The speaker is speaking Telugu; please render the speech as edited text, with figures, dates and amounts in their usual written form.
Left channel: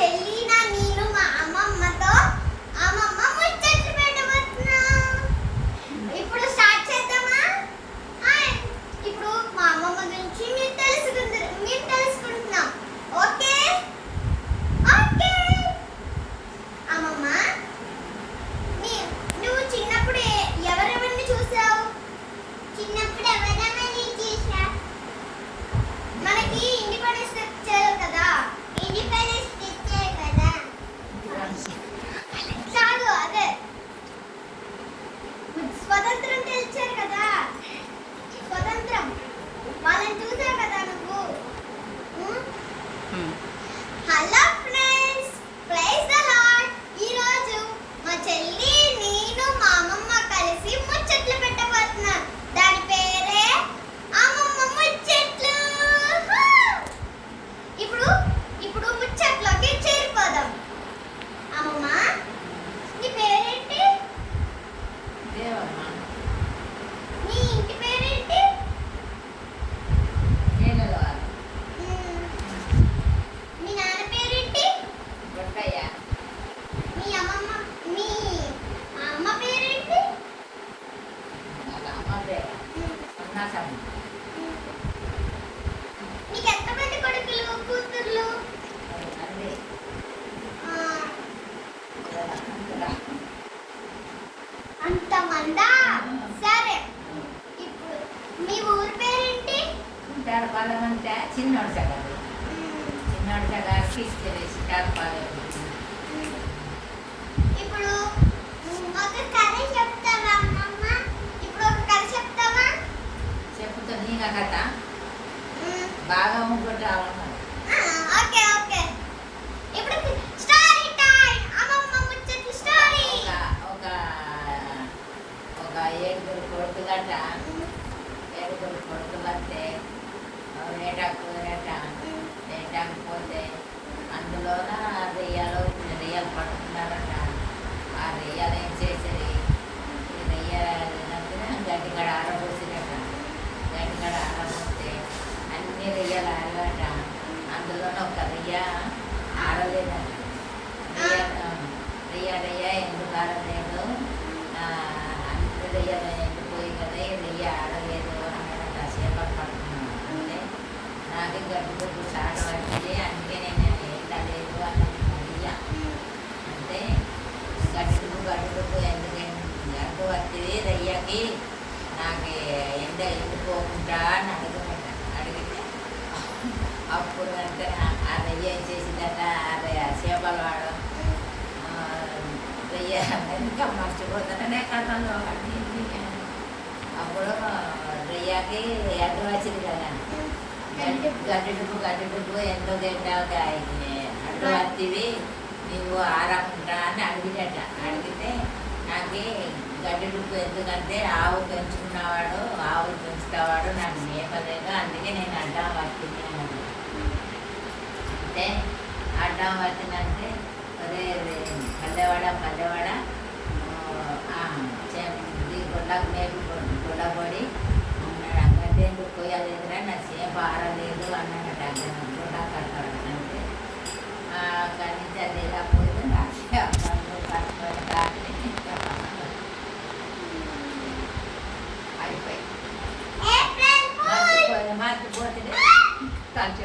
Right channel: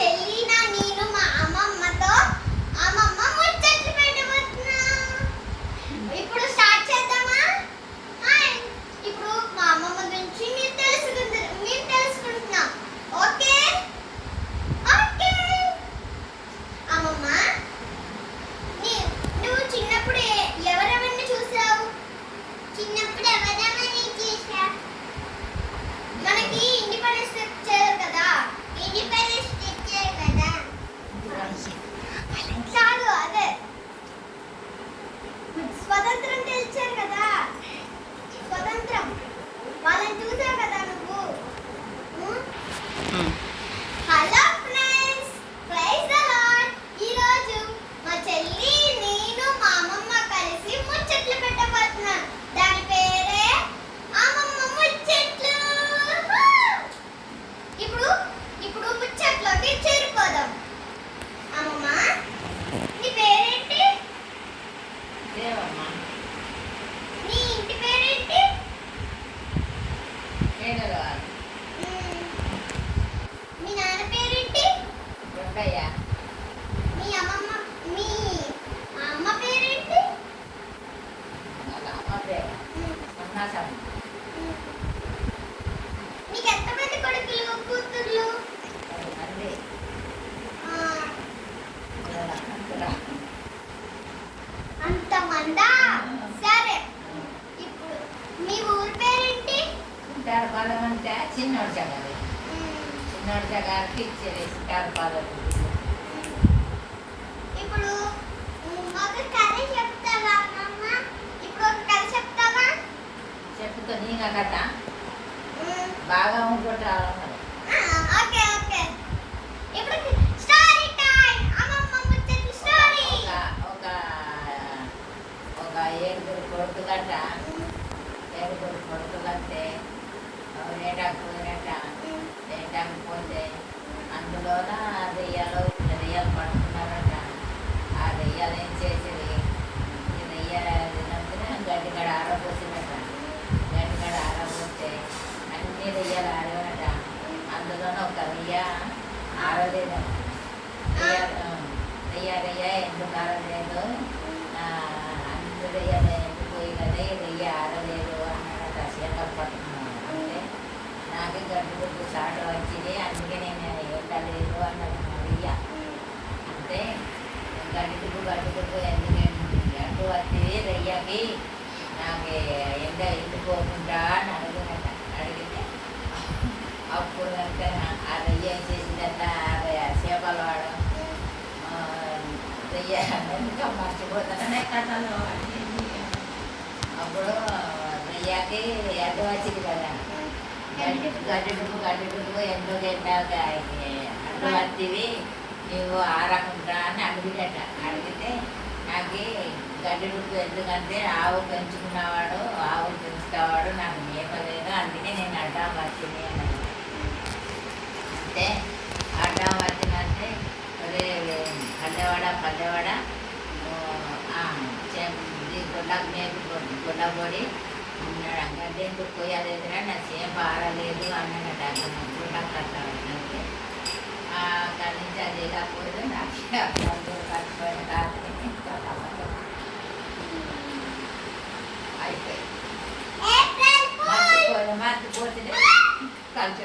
చెల్లిన నేను మా అమ్మమ్మతో అమ్మమ్మ ముచ్చట్లు పెట్టబోతున్నా. ఇప్పుడు స్టార్ట్ చేద్దామా? ఇప్పుడు మా అమ్మమ్మ గురించి మీరు తెలుసుకుంటున్నాం. Okay okay. అమ్మమ్మ, నువ్వు చిన్నప్పుడు ఎవరెవరిని చూసావు? చిన్నప్పుడు ఎవరెవరిని చూసా? మనకి ఇండిపెండెన్స్ తెచ్చారు కదా, ఇండిపెండెన్స్ తెచ్చారు కదా. చాలు, అదే స్వతంత్రం తెచ్చారు కదా, స్వతంత్రం. వాళ్ళని చూసావు కదా నువ్వు. Hello friends, praise the Lord. ఈరోజు మా చెల్లి, నేను, మా అమ్మమ్మ కలిసి ముచ్చట్లు పెట్టబోతున్నాం. దాని పేరే అమ్మమ్మ ముచ్చట్లు. ఇప్పుడు ముచ్చట్లోకి చేరిపోదాం. అమ్మమ్మ, నీ పేరేంటి? దేవమ్మ. నీ ఇంటి పేరేంటి? వేణుగోపాల్. మీ నాన్న పేరేంటి? దొడ్డయ్య. మీ అమ్మ పేరేంటి? వాళ్ళ అమ్మ పేరు అన్నాసమ్మ. నీకు ఎంతమంది కొడుకులు కూతుర్లు? తండ్రి అంతమందా? సరే, ఇప్పుడు మీ ఊరి పేరేంటి? చింతారపాలెమంటే చిన్నోడి చగారు. చిన్నోడి చగారికి ఇచ్చేది చింతారపాలెం. ఇప్పుడు ఒక కథ చెప్తావా అమ్మమ్మ? ఇప్పుడు ఒక కథ చెప్తావా? చెప్పుతో నీగా కథ బాగా ఉంటుంటారు. Okay okay. ఇప్పుడు స్టోరీ టైం. అమ్మమ్మ ముచ్చట్లు స్టోరీ. ఒక ఏడుగురు కొడుకులట. ఏడుగురు కొడుకులంటే వేటాకు పోయినట్ట. వేటాకు పోతే అందులోన రెయ్యలు రెయ్యలు పడుతున్నారట. ఆ రెయ్యలు ఏం చేసేది, ఈ రెయ్యలు గడ్డిగడ ఆరబోసినట్ట. గడ్డిగడ ఆరబోస్తే అన్ని రెయ్యలు ఆరవట. అందులోన ఒక రెయ్య ఆరలేదు. రెయ్య ఎందుకు ఆరలేదు, అన్ని రెయ్యలు ఎండిపోయి కదా ఈ రెయ్య ఆరలేదు అన్నాడట. చేపలు పట్టుకున్నాను అంటే నాకు గడ్డి గుడ్డు చాటు వచ్చింది, అందుకే నేను ఎండలేదు అన్నది రెయ్య. అంటే గడ్డి గుడ్డు ఎందుకు ఎండు వచ్చింది రెయ్యకి, నాకు ఎండ ఎండిపోకుండా అని అడిగితే అప్పుడు కనుక ఆ రెయ్య ఏం చేసిందట, చేపలు వాడు రెయ్య ఇంకా మర్చిపోతానే కథలో అప్పుడు రెయ్యకి ఎండు వచ్చింది కదా. గడ్డి డుబ్బు ఎందుకు ఎండాలి అడ్డు వచ్చింది నువ్వు ఆరకుండా అని అడిగినట్ట. అడిగితే నాకు గడ్డి డుబ్బు ఎందుకంటే ఆవు పెంచుకున్నవాడు, ఆవులు పెంచుతావాడు, నాకు మేపలేదు, అందుకే నేను అడ్డం వచ్చింది అన్నాడు. అంటే అడ్డం వచ్చిందంటే ఒరే పల్లెవాడ గుడ్లకు మేపు గుడ్డపొడి గడ్డి ఎందుకు పోయాలేదురా, నా చేప ఆరలేదు అన్నాడట. గుడ్డ కట్టాడు అంటే కనీసం అది లేకపోతే నాకు కట్టుకొని కాదని అయిపోయి మర్చిపోతే కలిసి